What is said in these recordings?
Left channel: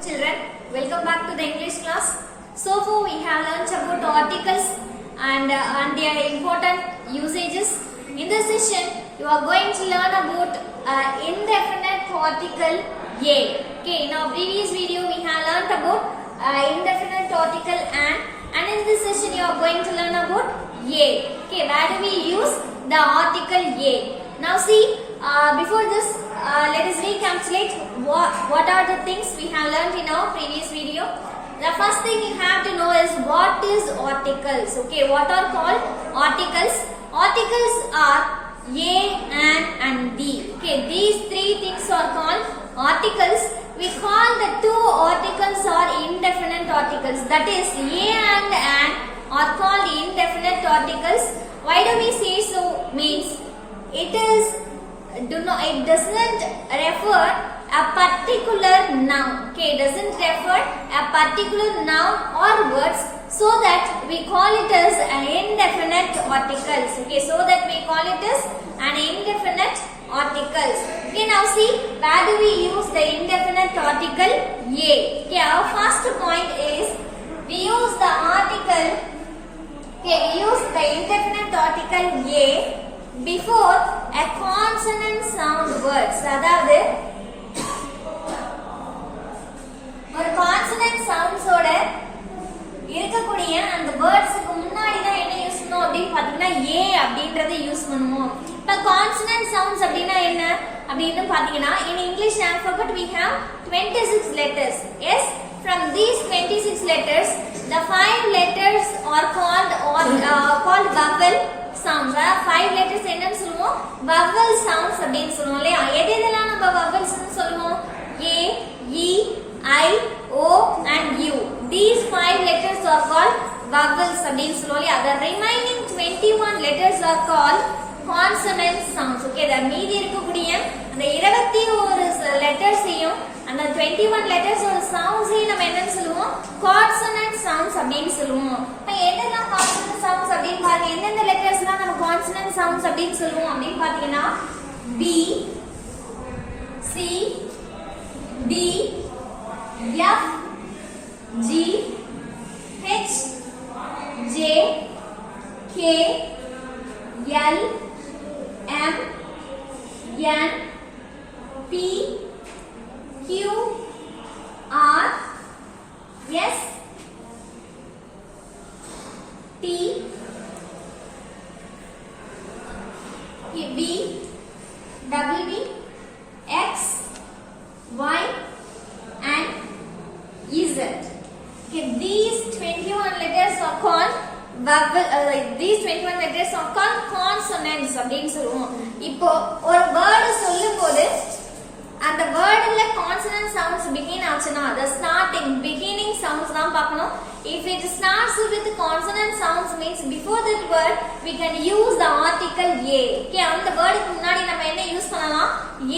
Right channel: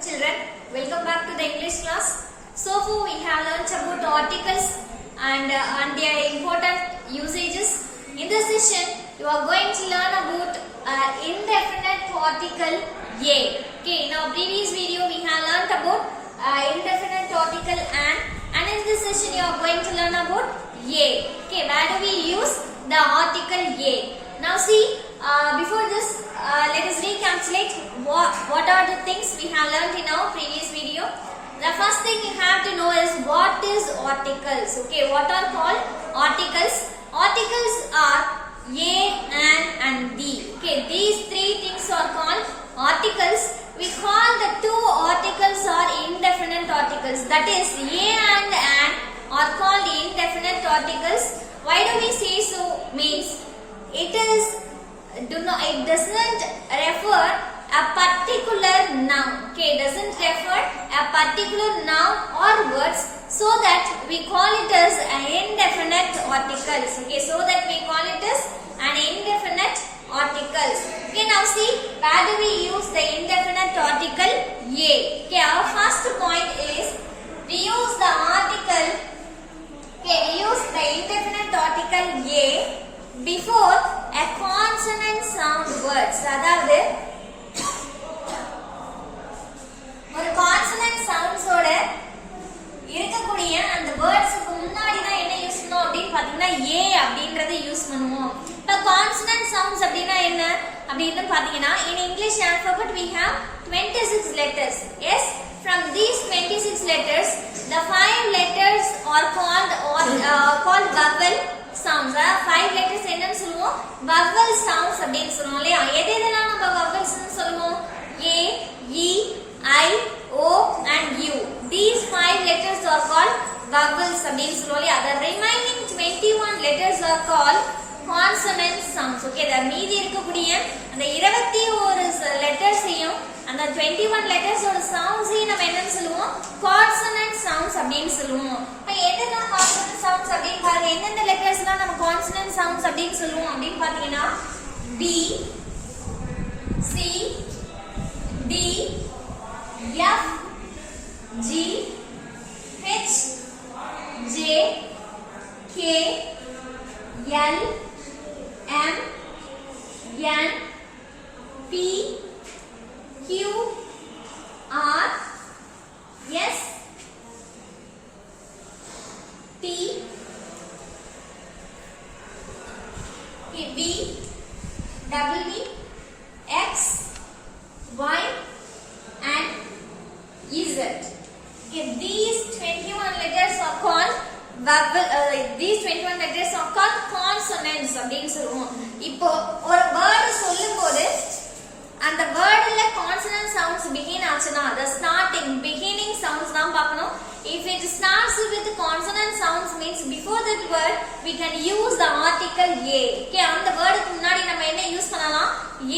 Children, welcome back to the English class. So far we have learnt about articles and their important usages. In this session, you are going to learn about indefinite article a. Okay, in our previous video we have learnt about indefinite article and in this session you are going to learn about a. Okay, where do we use the article a? Now see, before this, let us recapitulate what are the things we have learned in our previous video. The first thing you have to know is what is articles. Okay, what are called articles? Articles are a, and the. Okay, these three things are called articles. We call the two articles are indefinite articles. That is, a and are called indefinite articles. Why do we say so? Means it doesn't refer a particular noun. Okay, it doesn't refer a particular noun or words, so that we call it as an indefinite articles. Okay, so that we call it as an indefinite articles. Okay, now see, where do we use the indefinite article a? Okay, our first point is we use the article. Okay, we use the indefinite article a before a consonant sound words. அதாவது ஒரு consonant sounds ஓட இருக்கக்கூடிய அந்த வேர்ட்ஸ்க்கு முன்னாடி தான் என்ன யூஸ் பண்ணுவோம் அப்படினு பாத்தீங்கன்னா a அப்படிங்கறதை யூஸ் பண்ணுவோம். இப்ப consonant sounds அப்படினா என்ன அப்படினு பாத்தீங்கன்னா in English alphabet we have 26 letters. Yes, from these 26 letters the 5 letters are called vowel sounds. 5 letters என்னன்னு சொல்லுவோம்? vowel sounds அப்படினு சொல்லுவோம் இல்லையா? எதெல்லாம் நம்ம vowels னு சொல்லுவோம்? a, e, I, o and u. These 5 letters are called vowels அப்படினு சொல்லுவோம் இல்லையா? The remaining 21 letters are called consonant sounds. Okay, the மீதி இருக்கக்கூடிய அந்த 21 லெட்டர்ஸையும் அந்த 21 letters ஓட sounds-ஐயும் நம்ம என்னன்னு சொல்லுவோம்? consonant sounds அப்படினு சொல்லுவோம். அப்ப என்னெல்லாம் consonant sounds அப்படினு பாருங்க. எந்தெந்த லெட்டர்ஸ்லாம் நம்ம consonant sounds அப்படினு சொல்லுவோம் அப்படினு பாத்தீங்கன்னா b, c, d, f, g, h, j, k, l, m, n, p, q, r, s, t, v, w, x, y and z. Okay, these 21 letters are called these 21 letters are called consonants அப்படினு சொல்லுவோம். இப்போ ஒரு வேர்ட் சொல்லும்போது அந்த வேர்ட்ல consonant sounds begin ஆச்சுனா the starting beginning sounds தான் பார்க்கணும். If it starts with consonant sounds means before that word we can use the article a. Okay, அந்த வேர்டுக்கு முன்னாடி நம்ம என்ன யூஸ் பண்ணலாம்?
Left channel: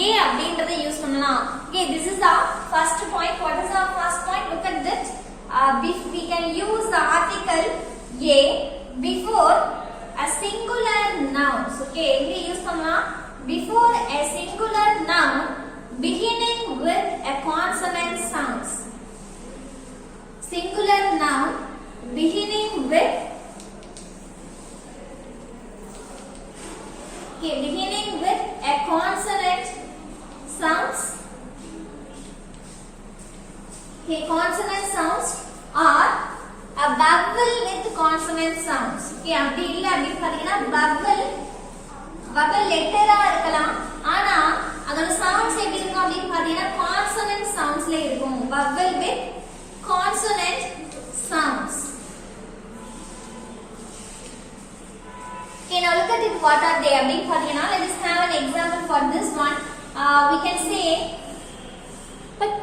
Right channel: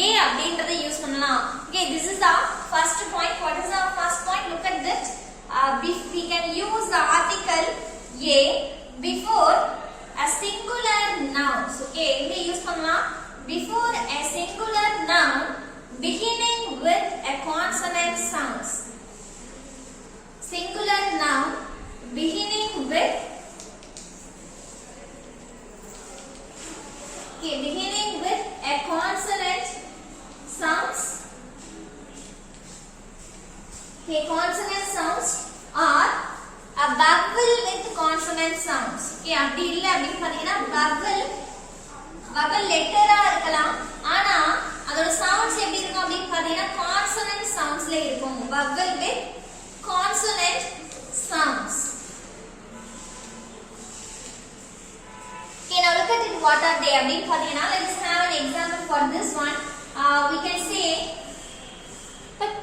a அப்படிங்கறதை யூஸ் பண்ணலாம். Okay, this is the first point. What is the first point? Look at that. We can use the article a before a singular noun. Okay, we use பண்ணலாம் before a singular noun beginning with a consonant sounds. Singular noun beginning with a consonant sounds. Okay, consonant sounds are a vowel with consonant sounds. Okay, அப்படி இல்ல அப்படி பாத்தீங்கன்னா vowel லெட்டரா இருக்கலாம், ஆனா அதோட sounds எப்படி இருக்கும் அப்படி பாத்தீங்கன்னா consonant soundsல இருக்கும். vowel with consonant sounds. Okay, now look at it. What are they அப்படி பாத்தீங்கன்னா let us have an example for this one. We can say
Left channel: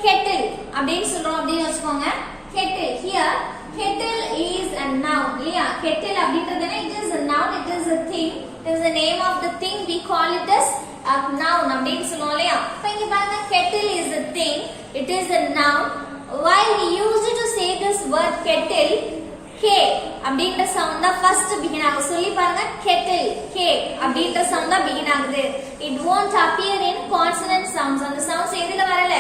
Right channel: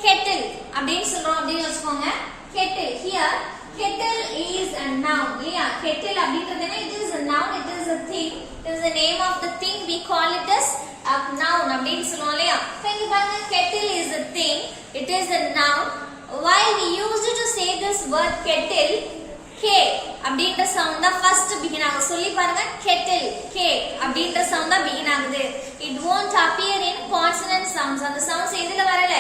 kettle அப்படினு சொல்றோம் அப்படினு வெச்சுக்கோங்க. kettle, here kettle is a noun இல்லையா? kettle அப்படின்றது என்ன? it is a noun, it is a thing, it is the name of the thing, we call it as a noun அப்படினு சொல்றோம் இல்லையா? இப்போ இங்க பாருங்க, kettle is a thing, it is a noun. Why we used to say this word kettle? k அப்படின்ற சவுண்ட் தான் first begin ஆகுது. சொல்லி பாருங்க, kettle k அப்படின்ற சவுண்ட் தான் பிகின் ஆகுது. it won't appear in consonant sounds. அந்த sounds எதுல வரல?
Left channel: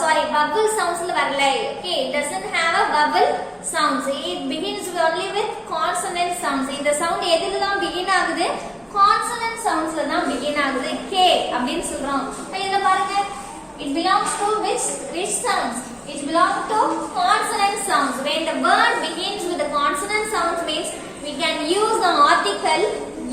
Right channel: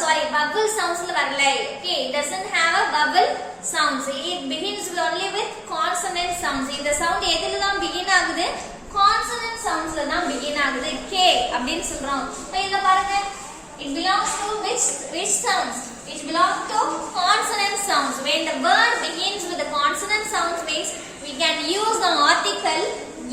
Sorry, vowel sounds ல வரல. Okay, it doesn't have a vowel sounds. It begins only with consonant sounds. இந்த sound எதுல தான் begin ஆகுது? Consonant sounds ல தான் begin ஆகுது. K அப்படினு சொல்றோம். இங்க பாருங்க, it belongs to which sounds? It belongs to consonant sounds. When the word begins with the consonant sounds means we can use the article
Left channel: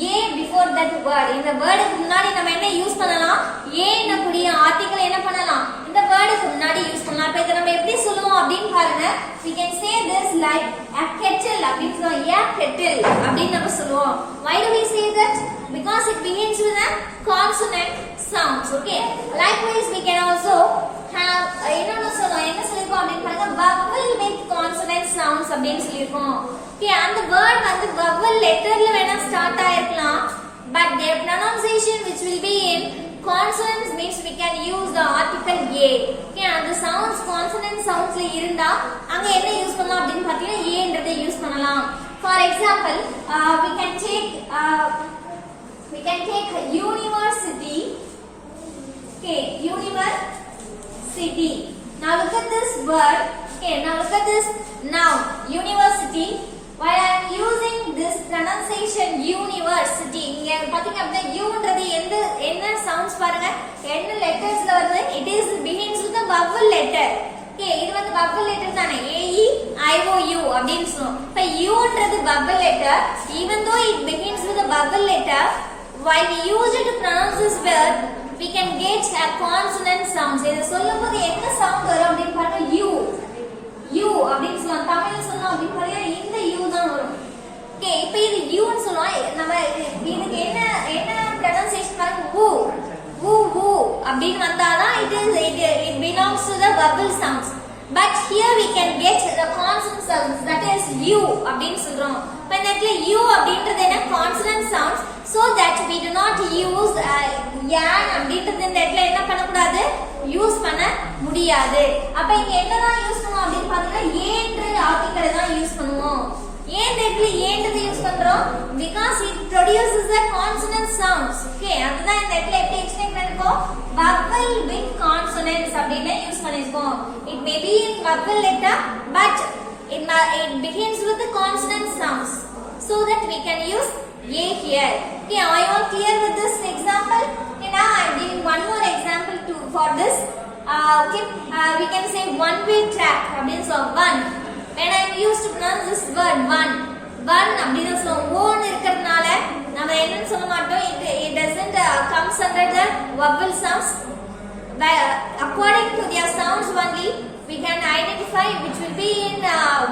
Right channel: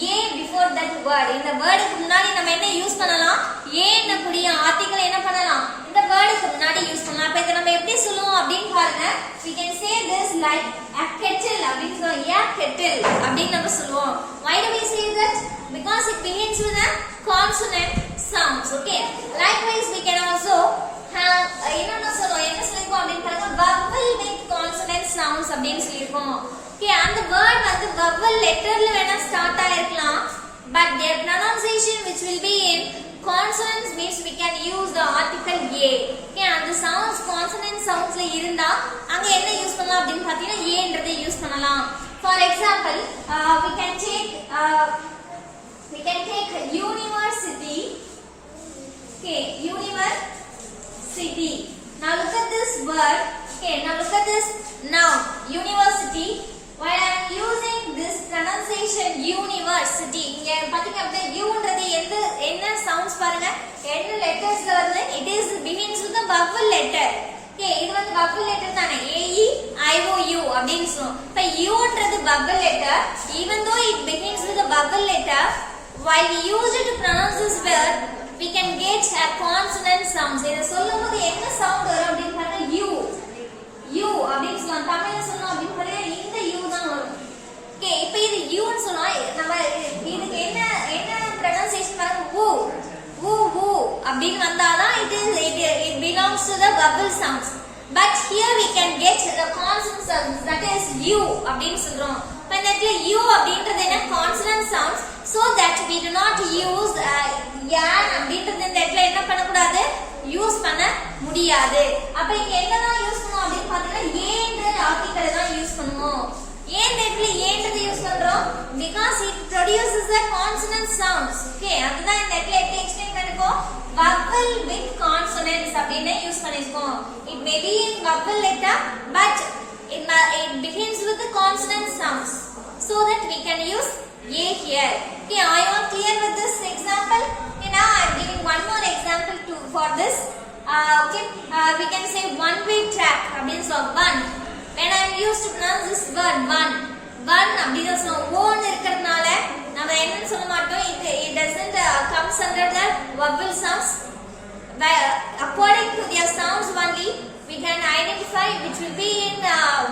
a before that word. இந்த வேர்டுக்கு முன்னாடி நம்ம என்ன யூஸ் பண்ணலாம்? a ன்ற கூடிய ஆர்டிகிள் என்ன பண்ணலாம்? இந்த வேர்டுக்கு முன்னாடி யூஸ் பண்ணலாம். அப்ப இத நம்ம எப்படி சொல்லுவோம் அப்படினு பாருங்க. We can say this like a kettle அப்படினு சொல்லுவோம். a kettle அப்படினு நம்ம சொல்லுவோம். Why do we say that? Because it begins with a consonant sounds. Okay, likewise we can also have என்ன சொல்லிருக்கோம் அப்படினு பாருங்க, vowel with consonant sounds அப்படினு சொல்லிருக்கோம். Okay, அந்த word வந்து vowel letterல வேணா ஸ்டார்ட் ஆயிருக்கலாம், but their pronunciation which will be in consonants means we can use the article a. Okay, அந்த sounds consonant soundsல இருந்தா அங்க என்ன யூஸ் பண்ணலாம் அப்படினு பாத்தீங்கன்னா a ன்றதை யூஸ் பண்ணலாம். For example, we can take university. Okay, university. Now look at this word. Okay, now look at this noun, university. While I am using this pronunciation university, இங்க பாத்தீங்க அப்படினா u ன்றது என்ன sounds பாருங்க, என்ன லெட்டர்ஸ்ல வருது? It is begins with a vowel letter. Okay, இது வந்து vowel letter தானே, a e i o u அப்படினு சொல்றோம். இப்ப u ன்றது vowel letter, even though it begins with a vowel letter, while we use it to pronounce this word, we can get a consonant sounds. இத சொல்லும்போது என்ன சவுண்ட் வரும் அப்படினு பாருங்க, u அப்படினு சொல்லுவாங்க. தமிழ்ல சொன்னோம் அப்படினு பாருங்க, இந்த u தான் வரும். ஓகே, இப்போ இது u ன்னு சொல்லுவோம். நம்ம இதுக்கு என்ன pronunciation பாருங்க, வு அப்படினு வந்தாதான் it belongs to the vowel sounds. But here we can get the consonant sounds, that is u அப்படினு சொல்றோம். இப்போ இந்த இடத்துல u அப்படின்றது என்ன? consonant sounds, so that we do not use yan அப்படின்றது இந்த இடத்துல என்ன பண்ண கூடாது? யூஸ் பண்ண முடியாது. அப்ப இங்க என்னதான் யூஸ் பண்ணுவோம் அப்படினு பாத்தீங்கன்னா a ன்ற ஆர்டிகிள் தான் யூஸ் பண்ணுவோம். ஏன் இந்த இடத்துல a ன்றதை யூஸ் பண்றோம்? Because it produces the consonant sounds. Okay, அதுதான் இந்த இடத்துல எப்படி எக்ஸ்பிளைன் பண்ணிருக்கோம்? vowel with consonants அப்படினே யூஸ் பண்ணிருக்கோம். It may be in vowel letter, but it begins with the consonant sounds, so that we can use a here. Okay, are you all clear with this example? Okay, now I am giving one more example for this. Okay, we can say one way track அப்படினு சொல்றோம். one, when I am used to pronounce this word one அப்படினு சொல்றோம். one இருக்கிறதுனால நம்ம என்னன்னு சொல்ல மாட்டோம், it doesn't comes under the vowel sounds. According to their sounds only we can identify which will be in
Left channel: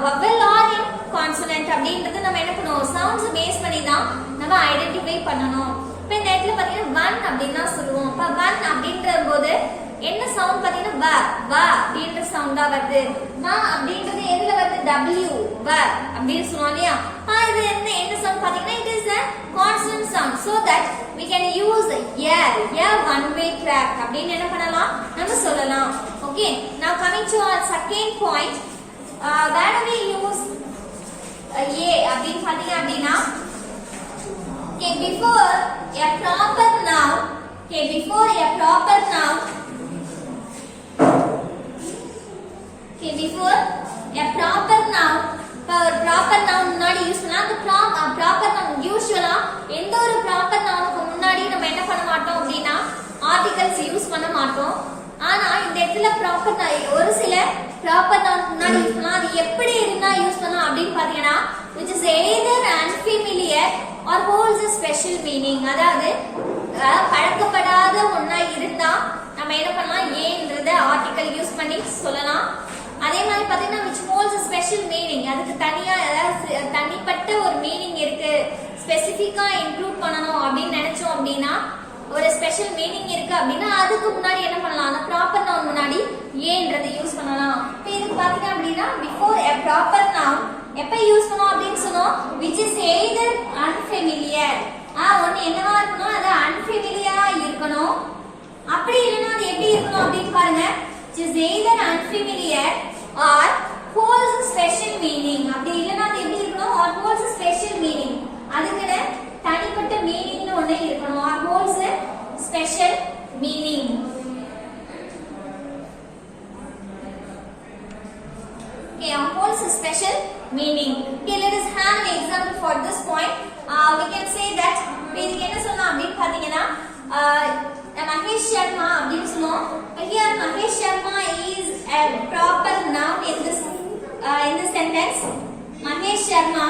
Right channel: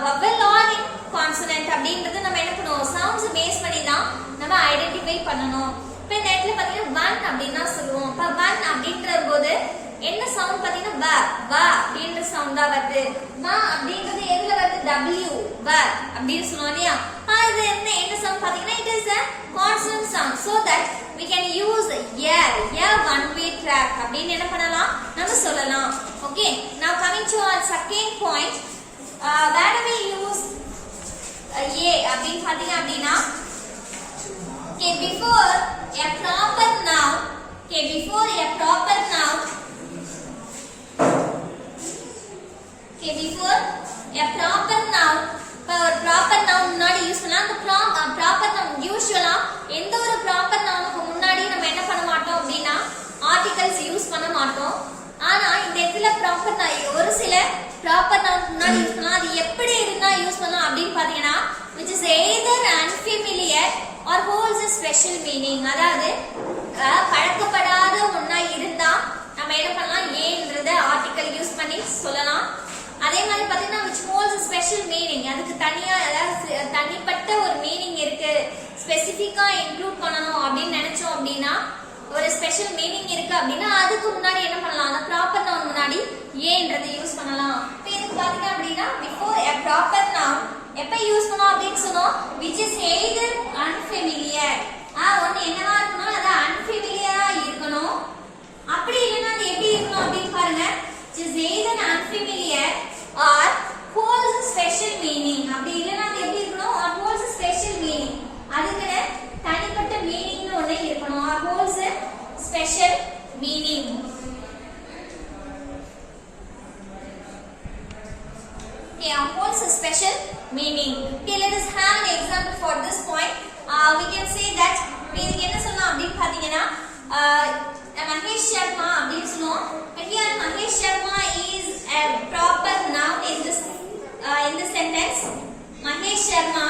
vowel or in consonant அப்படின்றது நம்ம என்ன பண்ணுவோம், சவுண்ட்ஸ் பேஸ் பண்ணி தான் நம்ம ஐடென்டிஃபை பண்ணணும். இப்போ இந்த இடத்துல பாத்தீங்கன்னா one அப்படினா சொல்லுவோம். இப்போ one அப்படின்ற போது என்ன சவுண்ட் பாத்தீங்கன்னா வ அப்படின்ற சவுண்ட் தான் வருது. வ அப்படின்றது எதுல வருது? w வ அப்படினு சொல்லுவோம் இல்லையா? இது என்ன சவுண்ட் பாத்தீங்கன்னா it is a consonant sound, so that we can use a one way track அப்படினு என்ன பண்ணலாம், நம்ம சொல்லலாம். Okay, now coming to our second point, where do we use a அப்படினு பாத்தீங்க அப்படினா, okay, before a proper noun, before a proper noun முன்னாடி யூஸ் பண்ணலாம். அந்த ப்ராப்பர் நவுன் யூசுவலா எந்த ஒரு ப்ராப்பர் நவுனுக்கு முன்னாடி நம்ம என்ன பண்ண மாட்டோம் அப்படின்னா ஆர்டிகல்ஸ் யூஸ் பண்ண மாட்டோம். ஆனா இந்த இடத்துல ப்ராப்பர் ஒரு சில ப்ராப்பர் நவுனுக்கு முன்னாடி யூஸ் பண்ணலாம். அது எப்படி இருந்தா யூஸ் பண்ணலாம் அப்படின்னு பாத்தீங்கன்னா, which is either unfamiliar or holds a special meaning. அதாவது பழக்கப்படாத ஒண்ணா இருந்தா நம்ம என்ன பண்ணலாம், ஏன்றத ஆர்டிகல் யூஸ் பண்ணி சொல்லலாம். அதே மாதிரி பாத்தீங்கன்னா which holds a special meaning, அதுக்கு தனியா தனிப்பட்ட ஒரு மீனிங் இருக்கு, ஸ்பெசிபிக்கா இன்க்ளூட் பண்ணணும் அப்படின்னு நினைச்சோம் அப்படின்னா, ஒரு ஸ்பெஷல் மீனிங் இருக்கு அப்படின்னா அதுக்கு முன்னாடி என்ன பண்ணலாம், அந்த ப்ராப்பர் நவுன் முன்னாடி ஏன்றதை யூஸ் பண்ணலாம். இப்போ இதுக்கு பாத்தீங்க அப்படின்னா before a proper noun எப்ப யூஸ் பண்ணோம் அப்படின்னு சொன்னோம், which is either unfamiliar. ஒன்னு என்னவா இருக்கணும், அது unfamiliar இருக்கணும். அப்படி இல்லைன்னா அது எப்படி இருக்கணும் அப்படின்னு பாருங்க, which is either unfamiliar or holds a special meaning. அப்படி இல்லைன்னா அது எப்படி இருக்கணும், or holds a special meaning. அதுக்குன்னு தனிப்பட்ட மீனிங்னு ஒண்ணு இருக்கணும், or holds a special Okay, holds a special meaning. Okay, let us have an example for this point. We can say that இதுக்கு என்ன சொல்லலாம் அப்படினு பாத்தீங்கன்னா மகேஷ் சர்மா அப்படினு சொல்லுவோம். Here Mahesh Sharma is a proper noun in this sentence. Mahesh Sharma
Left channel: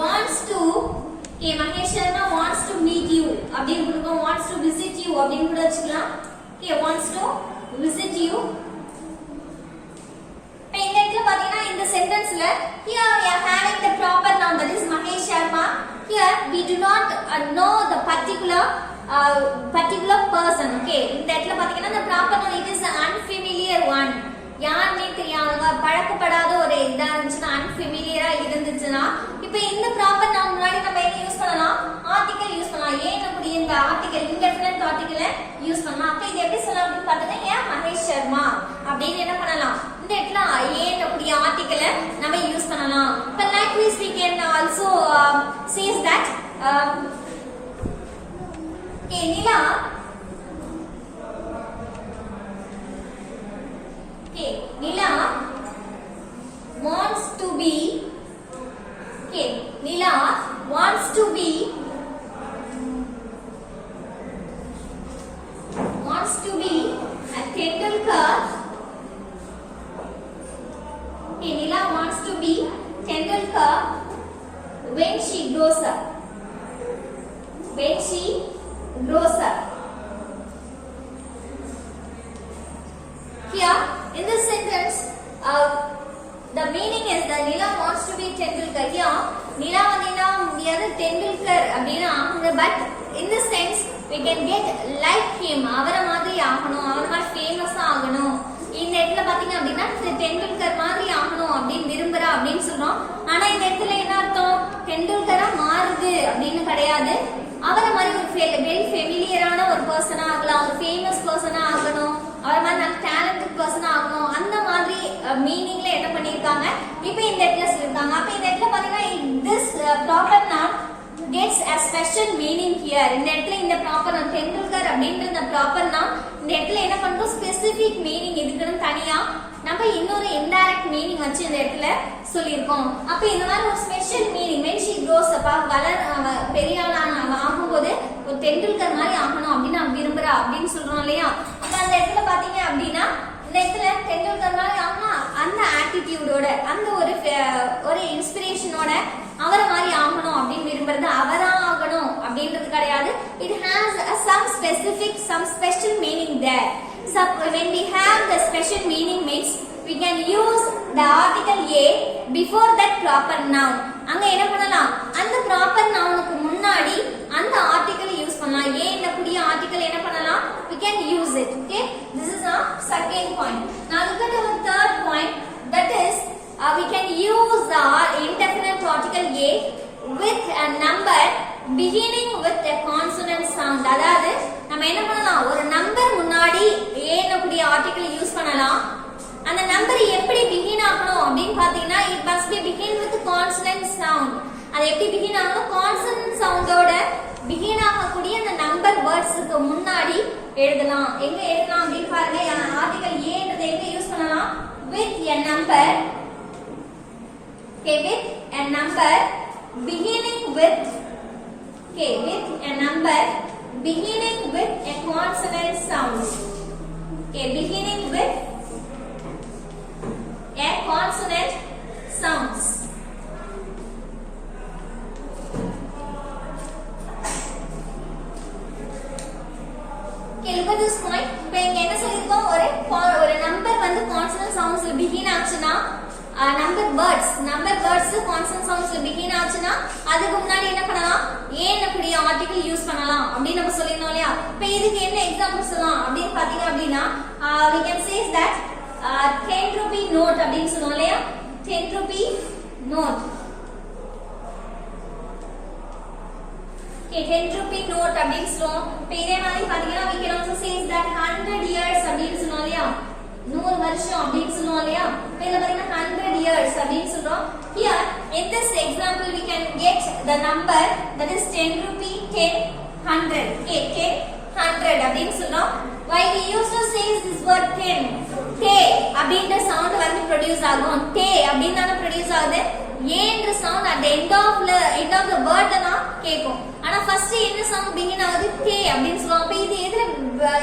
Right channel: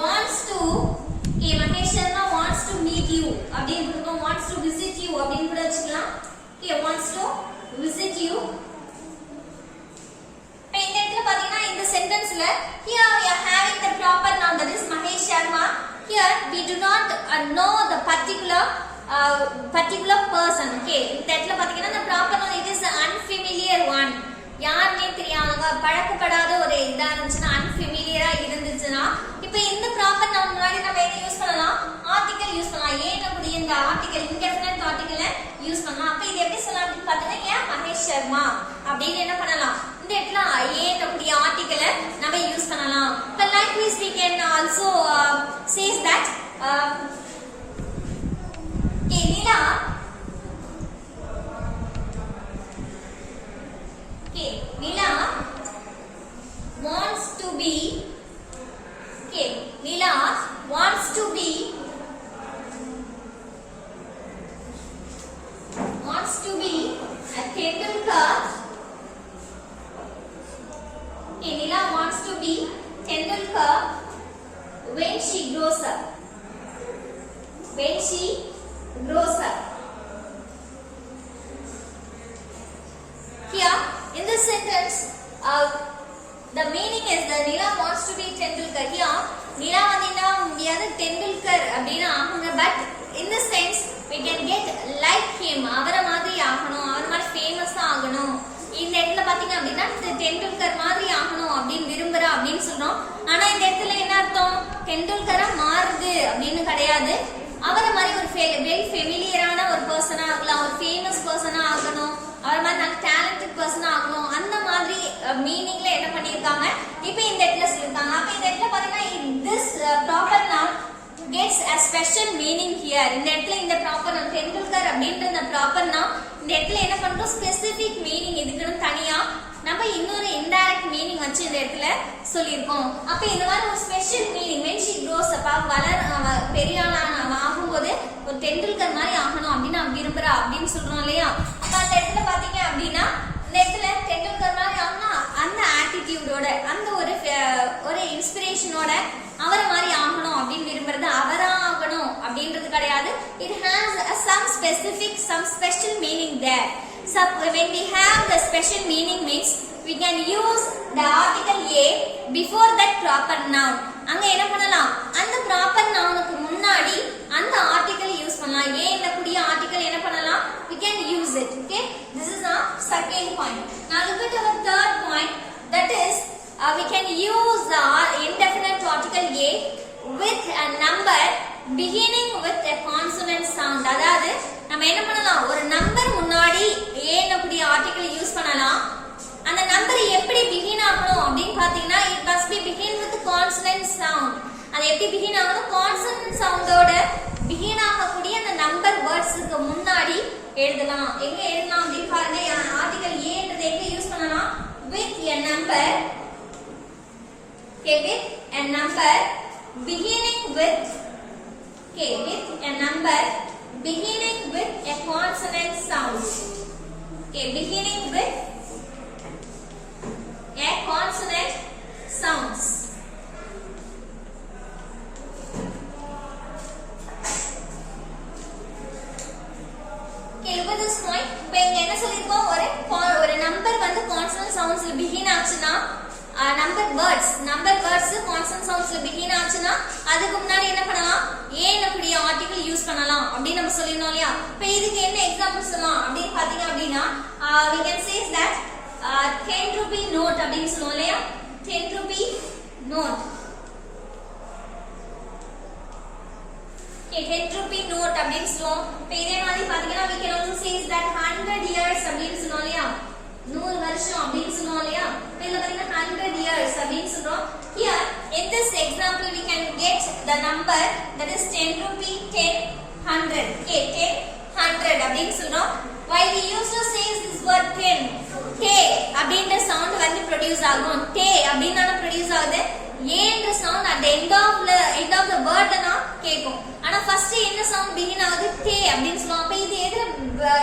wants to, okay, Mahesh Sharma wants to meet you அப்படினு கொடுப்போம். wants to visit you அப்படினு கூட வச்சுக்கலாம். Okay, wants to visit you. இந்த இடத்துல பாத்தீங்கன்னா இந்த சென்டென்ஸ்ல here we are having the proper noun, that is Mahesh Sharma. Here we do not know the particular person. Okay, இந்த இடத்துல பாத்தீங்கன்னா the proper noun, it is an unfamiliar one. யாருமே தெரியாதவங்க, பழக்கப்படாத ஒரு இதா இருந்துச்சுன்னா, unfamiliar இருந்துச்சுன்னா, இப்போ இந்த proper noun முன்னாடி நம்ம என்ன யூஸ் பண்ணலாம்? article யூஸ் பண்ணலாம். ஏன் அப்படி இந்த article indefinite article யூஸ் பண்ணலாம். அப்ப இது எப்படி சொல்லலாம் அப்படினு பார்த்தீங்கன்னா ஏன் மகேஷ் சர்மா அப்படினு என்ன பண்ணலாம்? இந்த இடத்துல ஏன் அப்படி ஆர்டிகலை நம்ம யூஸ் பண்ணலாம். But likewise we can also says that Nila Nila wants to be Nila wants to be a Tendulkar. Nila wants to be Tendulkar when she grows up. When she grows up. Here in this sentence, the meaning is that Nila wants to be Tendulkar. Here, Nila vadina முடியாது Tendulkar அப்படினா ஆகுங்க. But in this sense, we can get like him. அவர மாதிரி ஆகணும், அவர மாதிரி ஃபேமஸ் ஆகணும். இந்த இடத்துல பாத்தீங்க அப்படின்னா டெண்டுல்கர் மாதிரி ஆகணும் அப்படின்னு விரும்புறா அப்படின்னு சொல்றோம். ஆனா இந்த இடத்துல என்ன அர்த்தம்? டெண்டுல்கரா மாறுது அப்படின்னு கிடையாது. அவரை மாதிரி ஒரு வெரி ஃபெமிலியரான ஒரு பர்சனா ஆகலாம், ஒரு ஃபேமஸ் பர்சனா ஆகணும், அவர் மாதிரி நல்ல டேலண்டட் பர்சனா ஆகணும். அந்த மாதிரி மீனிங்ல என்ன பண்ணிருக்காங்க இப்போ இந்த இடத்துல சொல்லிருக்காங்க. அப்ப இந்த இடத்துல பாத்தீங்கன்னா this proper noun gets a special meaning here. இந்த இடத்துல இந்த proper noun டெண்டுல்கர் அப்படின்ற இந்த proper noun இந்த இடத்துல என்ன பண்றோம்? ஸ்பெசிபிக் மீனிங் இதுக்குன்னு தனியா நம்ம இன்னொரு இன்டைரக்ட் மீனிங் வச்சு இந்த இடத்துல சொல்லியிருக்கோம். அப்ப இந்த மாதிரி ஒரு special meaning when she grows up, பெரிய ஆளான ஆகும்போது ஒரு டெண்டுல்கர் மாதிரி ஆகணும் அப்படின்னு நான் விரும்புறா அப்படின்னு சொல்றோம் இல்லையா? அப்ப அந்த இடத்துல பாத்தீங்க அப்படின்னா இந்த இடத்துல டெண்டுல்கர் மாதிரி ஆகணும், அந்த ஆட்டிடியூடோட, அந்த ஒரு இன்ஸ்பிரேஷனோட அவர மாதிரி ஆகணும் அப்படின்னு விரும்புறது அவரா ஆகணும் அப்படின்றது கிடையாது. It has some special meaning there. So when we have the special meaning means we can use the article a before that proper noun. அங்க என்ன பண்ணலாம்? அந்த proper nounக்கு முன்னாடி அந்த article யூஸ் பண்ணலாம். ஏன்ல கூடிய article என்ன பண்ணலாம்? We can use it. Okay, this is our second point. Now look at our third point, that is we can use the indefinite article a with a number beginning with a consonant sound. அதாவது நம்ம என்ன பண்ணலாம்? ஒரு நம்பர் முன்னாடி ஏன் அப்படி article use பண்ணலாம். அந்த நம்பர் எப்படி பிகின் ஆகணும் அப்படின்னு பாத்தீங்கன்னா it must be begin with consonant sound. அது எப்படி பிகின் ஆகணும்? consonant soundோட பிகின் ஆகக்கூடிய அந்த நம்பர் வேர்ட்ஸ்க்கு முன்னாடி எழுதலாம். எங்க எழுதலாம் அப்படின்னு பாருங்க. ஆர்டிகல் ஏன்றதை எங்க யூஸ் பண்ணலாம்? with a number. Okay, with a number beginning with a number beginning with a consonant sound. Okay, beginning with a consonant sounds. Okay, look at this point. இப்போ இங்க என்ன சொல்லிருக்கோம்? ஒரு நம்பர் வந்து consonant soundsல begin ஆச்சுனா number words consonant soundsல begin ஆச்சுனா அதுக்கு முன்னாடி என்ன பண்ணலாம்? ஏன் அப்படி ஆர்டிகல் யூஸ் பண்ணலாம் அப்படி நம்ம சொல்லினோம் இல்லையா? இப்போ இதுக்கு என்ன எக்ஸாம்பிள் சொல்லலாம் அப்படினு பாத்தீங்க அப்படினா we can say that 10 rupee note அப்படினு சொல்லுவோம் இல்லையா? 10 rupee note. Okay, 10 rupee note அப்படினு சொல்லுவோம். இப்போ இதே மாதிரி பாத்தீங்கன்னா we can also say that 100 years அப்படினு சொல்லுவோம் இல்லையா? 100 வருஷம் அப்படினு சொல்லுவோம் இல்லையா? இப்போ இதுல பாத்தீங்கன்னா 100 years அப்படினு சொல்றோம். Here in this example we can get the number, that is 10 rupee, 10, 100. Okay, 10, 100 அப்படினு சொல்றோம். Why we used to say this word 10? K அப்படின்ற sound ப்ரொடியூஸ் ஆகும். டே அப்படினால ப்ரொடியூஸ் ஆகுது. ஏன்ற sound at the end of the word தான் கேக்கும். ஆனா ஃபர்ஸ்ட் என்ன சவுண்ட் begin ஆகுது? டே அப்படினு சொல்லுவாங்க. அப்ப இது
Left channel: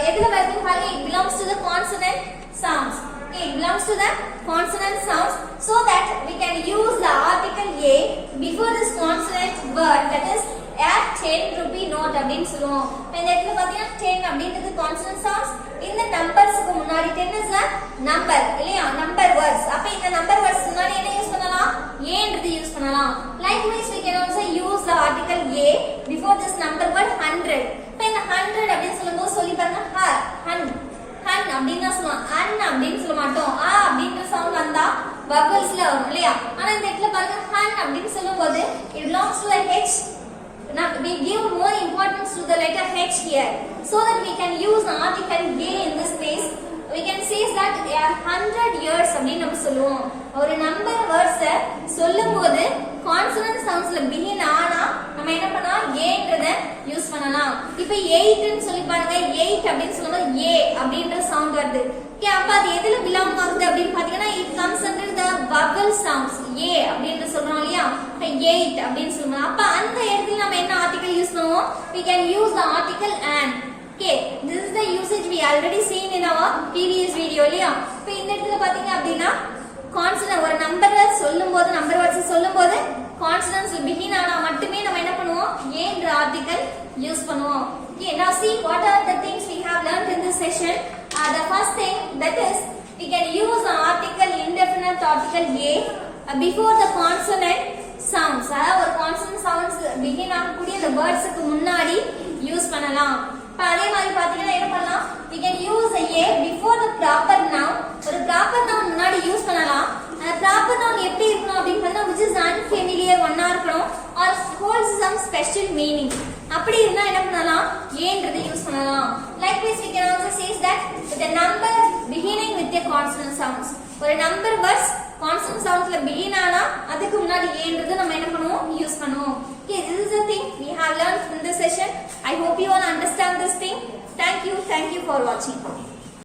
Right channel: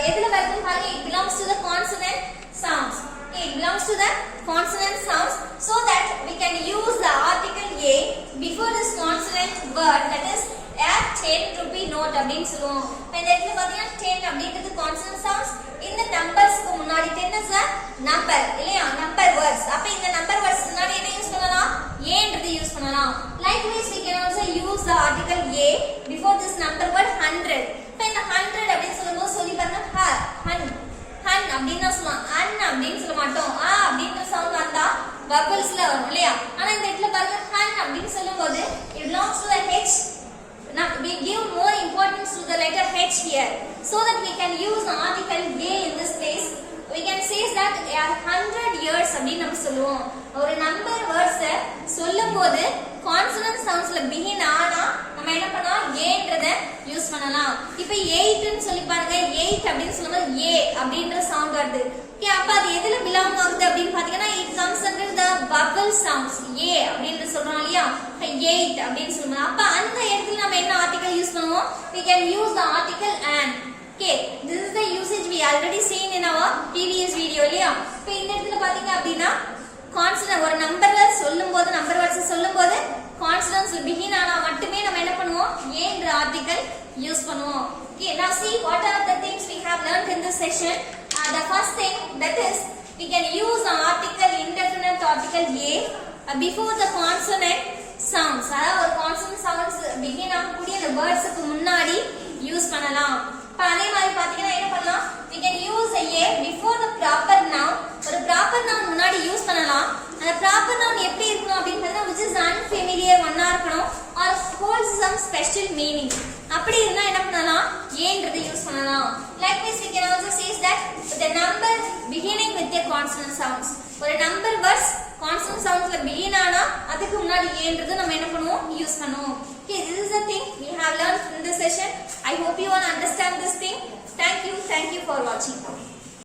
எதுல வருதுன்னு பாருங்க. It belongs to the consonant sounds. Okay, it belongs to the consonant sounds, so that we can use the article a before this consonant word, that is a 10 rupee note அப்படினு சொல்லுவோம். இப்ப இந்த இடத்துல பாத்தீங்கன்னா 10 அப்படிங்கிறது consonant sounds. இந்த நம்பர்ஸ்க்கு முன்னாடி 10 is a number இல்லையா? number words. அப்ப இந்த number words முன்னாடி என்ன யூஸ் பண்ணலாம்? ஏன்றது யூஸ் பண்ணலாம். Likewise we can also use the article a before this number word 100. இப்ப இந்த 100 அப்படினு சொல்லும்போது சொல்லி பாருங்க hun அப்படினா சொல்லுவோம். அன் அப்படினு சொல்ல மாட்டோம். ஆ அப்படின்ற சவுண்ட் வந்தா வவல்ஸ்ல வரும் இல்லையா? ஆனா இந்த இடத்துல பாருங்க han அப்படினு சொல்லும்போது it belongs to the h. Now we give more importance to the letter h here, so that we can use the article a in this place. We can say that they are 100 years அப்படினு நம்ம சொல்லுவோம். ஒரு number words சொல்லும்போது கான்சனன்ட் சவுண்ட்ஸ்ல பிகின் ஆனா நம்ம என்ன பண்ணலாம்? ஏன்றத யூஸ் பண்ணலாம். இப்போ 8 ன்னு சொல்லி பாருங்க. 8 அப்படினு சொல்லும்போது a அப்படின்ற சவுண்ட் வருது. ஓகே, அப்ப அது எதுல பிலாங் ஆகுது அப்படினு பாத்தீங்கன்னா it comes under the vowel sounds. a அப்படின்ற சொல்றோம் இல்லையா? 8 அப்படினு சொல்றோம். அப்ப அந்த இடத்துல நம்ம என்ன ஆர்டிகல் யூஸ் பண்ணுவோம்? We can use the article an. Okay, this is the usage we already seen in our previous video இல்லையா? இப்போ இந்த இடத்துல பாத்தீங்க அப்படினா கான்சனன்ட் ஒரு நம்பர் வேர்ட்ஸ் சொல்லும்போது கான்சனன்ட்ஸ் பிகின் ஆனா மட்டுமே நம்ம என்ன பண்ணுவோம்? ஏன்ற ஆர்டிகல் யூஸ் பண்ணுவோம். Okay, now see what are the things we have learned in this session. The first thing, that is we can use the article indefinite article a before the consonant sounds. அதாவது ஒரு consonant sounds begin ஆகக்கூடிய அந்த வேர்ட்ஸ்க்கு முன்னாடி யூஸ் பண்ணலாம். அதே மாதிரி பாத்தீங்கன்னா என்ன பண்ணலாம்? we can use a before the proper noun. ஒரு proper noun முன்னாடி யூஸ் பண்ணலாம். அந்த proper noun எப்படி இருக்கணும் அப்படினு பார்த்தா which is unfamiliar ஒண்ணா இருக்கணும் or holds some special meaning. அப்படி இருந்தா என்ன பண்ணலாம்? ஏன்றது யூஸ் பண்ணலாம். Likewise we can also say that the number beginning with a consonant sounds. ஒரு number words consonant soundsல begin ஆனா அதுக்கு முன்னாடி ஏன்றது நம்ம என்ன பண்ணுவோம்? யூஸ் பண்ணுவோம். Okay, this is the thing we have learned in this session. I hope you all understand this thing. Thank you for watching.